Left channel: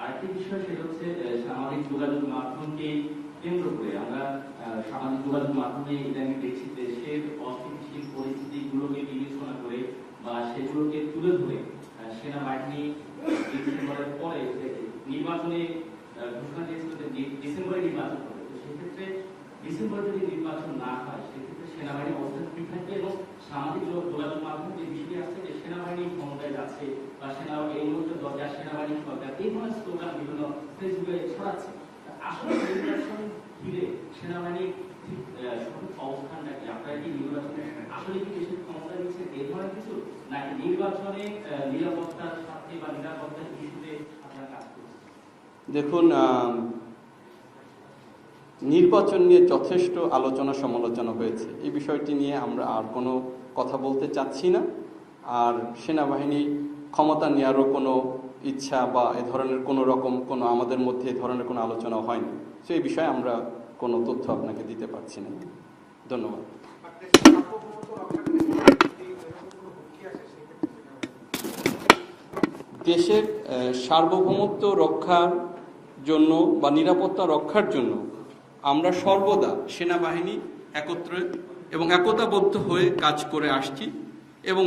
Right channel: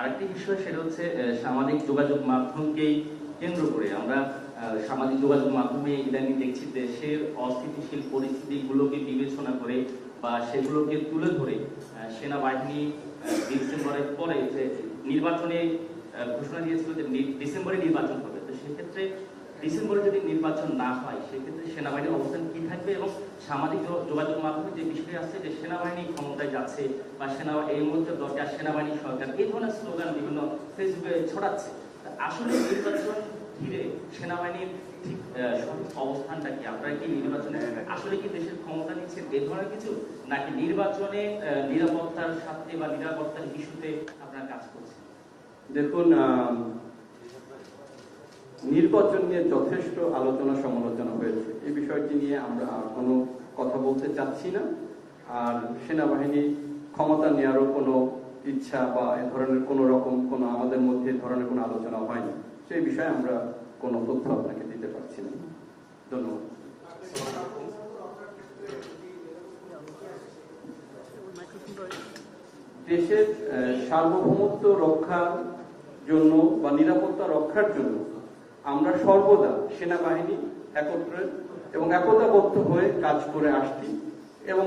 আরেকটি বিষয় সেটা হচ্ছে সামাজিক যোগাযোগ মাধ্যমকেই কেন্দ্র করে আমরা সামাজিক যোগাযোগ মাধ্যমে ইদানিং দেখছি দেশের অস্থিতিশীল পরিস্থিতিগুলোকে বিবেচনা করে বা সেগুলোকে তুলে ধরে সেনাবাহিনী ডিসেম্বরের পরে নির্বাচনে ঘোষণা দিয়েছিল যে ডিসেম্বরে নির্বাচন হবে। তো সেক্ষেত্রে ডিসেম্বরে যদি নির্বাচন না হয় সেক্ষেত্রে সেনাবাহিনীর অবস্থান কি থাকবে এবং সামাজিক যোগাযোগ মাধ্যমে যে বিষয়টি আসছে যে সেনাবাহিনী ক্ষমতায় যাচ্ছে বা এই মুহূর্তে দরকার সেনাবাহিনী সরকার, এই ধরনের স্লোগান বিভিন্ন ফেসবুকে ছড়াচ্ছে। আসলে নির্বাচন ঘিরে সেনাবাহিনীর ঠিক সঠিক অবস্থানটা কি? আপনারা কি নির্বাচনে আসলে কি দেশের ক্ষমতা নিচ্ছে এই ধরনের কিছু, নাকি নির্বাচনে নিরাপত্তার স্বার্থে বা নিরাপত্তার ইস্যুতে আপনারা কাজ করছেন? দেখুন, নির্বাচন নিয়ে যথেষ্ট আলোচনা সমালোচনা হয়েছে। এই বিষয়টি নিয়ে আমরা আর কোনো কথা বলতে চাচ্ছি না। আর সেনাবাহিনী ক্ষমতা নেওয়ারও কোনো ইচ্ছা বা এ ধরনের কোনো আমাদের মধ্যে এ ধরনের কোনো আলোচনা হয়নি। তো এই বিষয়ে আমরা কোনো তথ্য আপনাকে দিতে পারছি না। ধন্যবাদ। দেশের সার্বভৌমত্ব রক্ষার জন্য বা নিরাপত্তা রক্ষার জন্য আমরা সর্বদা সেনাবাহিনী একত্রে এবং একতাবদ্ধ হয়ে কাজ করে আসছি এবং